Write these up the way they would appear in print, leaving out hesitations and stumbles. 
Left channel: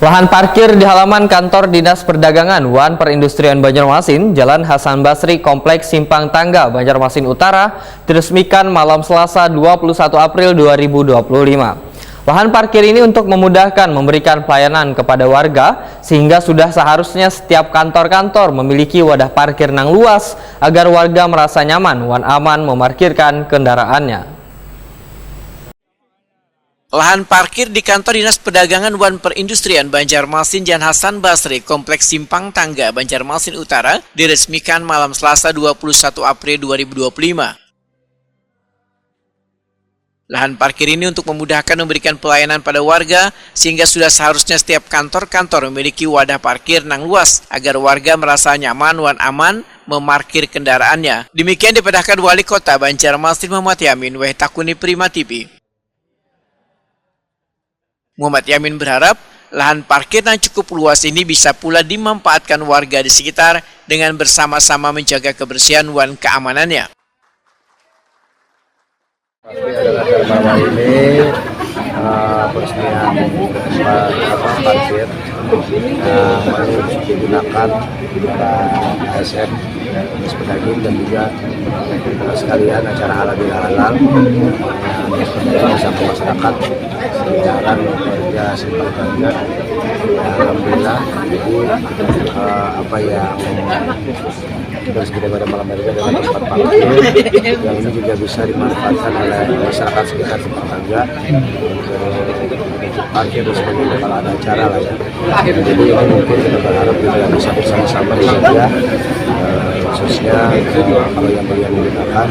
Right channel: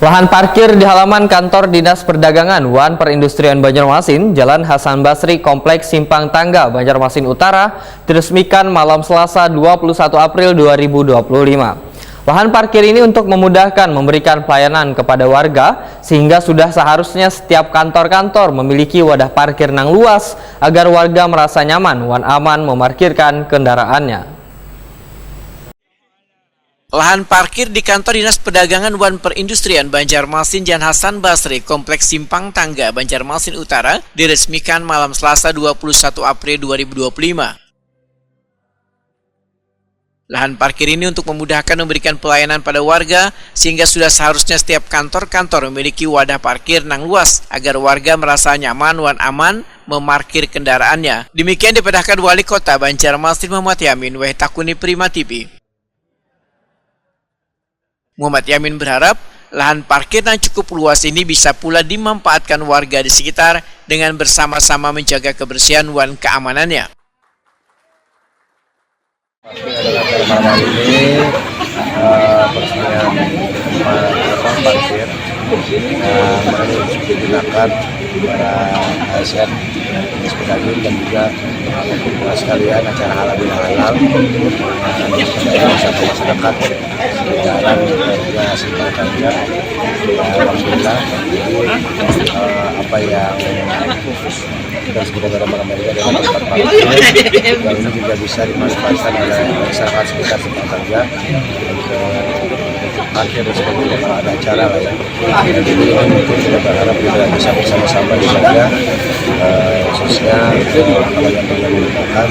Lahan parkir di halaman kantor Dinas Perdagangan Wan Perindustrian Banjarmasin, Jalan Hasan Basri, Kompleks Simpang Tangga, Banjarmasin Utara, diresmikan malam Selasa 21 April 2025. Lahan parkir ini untuk memudahkan memberikan pelayanan kepada warga, sehingga sudah seharusnya setiap kantor-kantor memiliki wadah parkir yang luas agar warga merasa nyaman dan aman memarkirkan kendaraannya. Lahan parkir di kantor Dinas Perdagangan Wan Perindustrian Banjarmasin Jalan Hasan Basri, Kompleks Simpang Tangga, Banjarmasin Utara, diresmikan malam Selasa 21 April 2025. Lahan parkir ini untuk memudahkan memberikan pelayanan pada warga, sehingga sudah seharusnya setiap kantor-kantor memiliki wadah parkir yang luas agar warga merasa nyaman dan aman memarkir kendaraannya. Demikian diperintahkan Wali Kota Banjarmasin Muhammad Yamin Takuni Prima TV. Muhammad Yamin berharap lahan parkir yang cukup luas ini bisa pula dimanfaatkan warga di sekitar dengan bersama-sama menjaga kebersihan dan keamanannya. Pasti adalah malam ini peresmian tempat parkir yang baru digunakan ASN Dinas Perdagangan dan juga sekalian acara halal bihalal Dinas Perdagangan bersama masyarakat jalan warga Simpang Tangga. Alhamdulillah, jadi apa yang terus kita pada malam hari ini adalah tempat parkir yang ini juga bisa dimanfaatkan oleh masyarakat sekitar Simpang Tangga untuk parkir dan sebagainya kalau ada acara lah ya. Jadi ini mungkin kita berharap kita bisa bersama-sama dijaga, khususnya kalau yang menggunakan.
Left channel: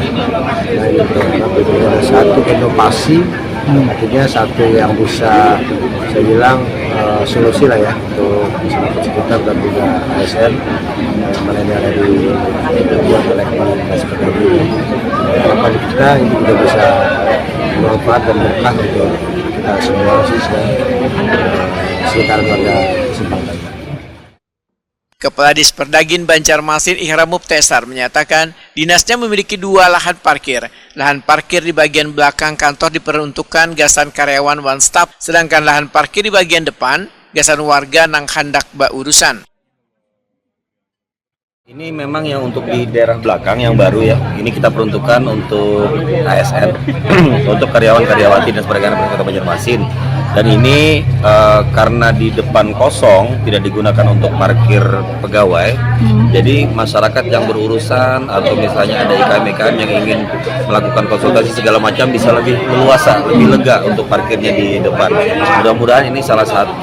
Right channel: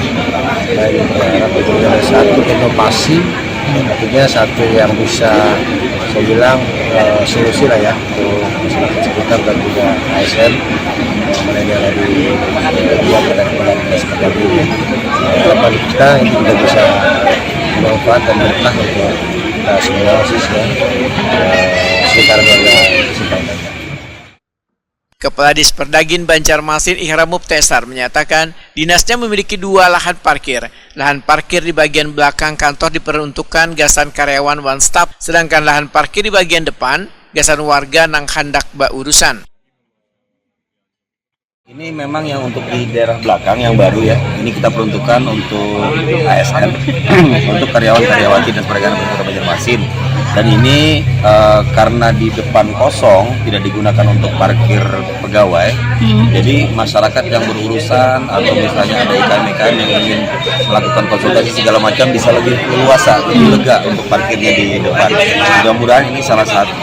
Nah ini berharap itu ada satu inovasi, artinya satu yang bisa saya bilang solusi lah ya untuk masyarakat sekitar dan juga ASN mana yang ada dibuat oleh Dinas Perdagangan. Harapan kita ini juga bisa bermanfaat dan berkah untuk kita semua khususnya sekitar warga Simpang Tangga. Kepala Dinas Perdagangan Banjarmasin Ihram Muftesar menyatakan dinasnya memiliki dua lahan parkir. Lahan parkir di bagian belakang kantor diperuntukkan gasan karyawan dan staf, sedangkan lahan parkir di bagian depan gasan warga yang hendak berurusan. Ini memang yang untuk di daerah belakang yang baru ya. Ini kita peruntukkan untuk ASN, untuk karyawan-karyawati Dinas Perdagangan Kota Banjarmasin. Dan ini karena di depan kosong tidak digunakan untuk parkir pegawai, jadi masyarakat yang berurusan atau misalnya ada IKM-IKM yang ingin melakukan konsultasi segala macam bisa lebih leluasa, lebih lega untuk parkirnya di depan. Mudah-mudahan ini salah satu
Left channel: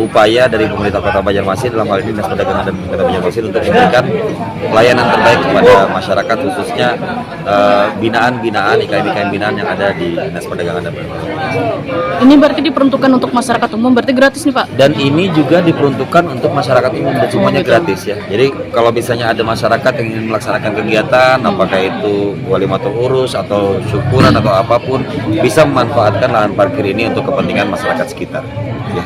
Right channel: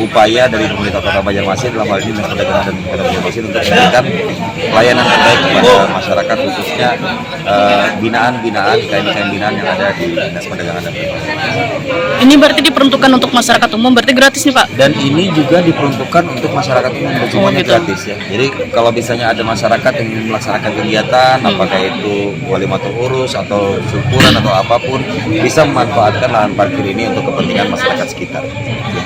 upaya dari pemerintah Kota Banjarmasin dalam hal ini Dinas Perdagangan dan Kota Banjarmasin untuk memberikan pelayanan terbaik kepada masyarakat, khususnya binaan-binaan, IKM-IKM binaan yang ada di Dinas Perdagangan dan Kota Banjarmasin. Ini berarti diperuntukkan untuk masyarakat umum, berarti gratis nih Pak? Dan ini juga diperuntukkan untuk masyarakat umum, semuanya gratis ya. Jadi kalau misalnya ada masyarakat yang melaksanakan kegiatan, apakah itu walimatul urus atau syukuran atau apapun, bisa memanfaatkan lahan parkir ini untuk kepentingan masyarakat sekitar.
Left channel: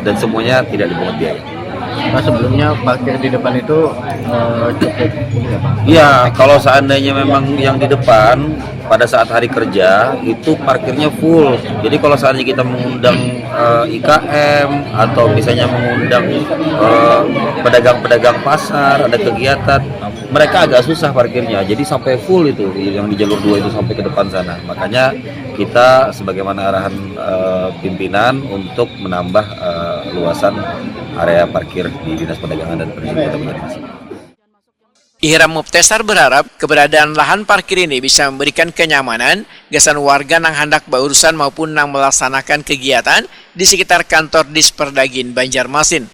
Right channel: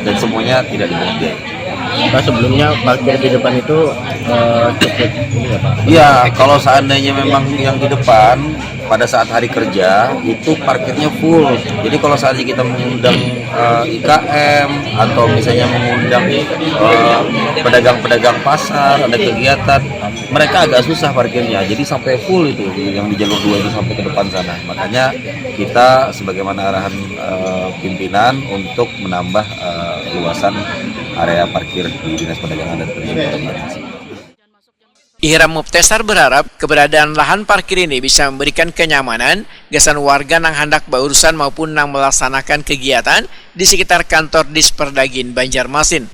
Dan semuanya tidak dipungut biaya. Nah, sebelumnya parkir di depan itu cukup. Iya, kalau seandainya memang yang di depan pada saat hari kerja itu parkirnya full. Jadi kalau seandainya kita mengundang IKM atau misalnya mengundang pedagang-pedagang pasar, ada kegiatan, mereka agak susah parkirnya. Jadi sampai full itu yang di jalur 2 itu sampai ke depan sana. Makanya kita sebagaimana arahan pimpinan untuk menambah luasan area parkir di Dinas Perdagangan dan Perindustrian Kota Banjarmasin. Ihram Muftesar berharap keberadaan lahan parkir ini bisa memberikan kenyamanan gasan warga yang hendak berurusan maupun yang melaksanakan kegiatan di sekitar kantor Dinas Perdagangan Banjarmasin.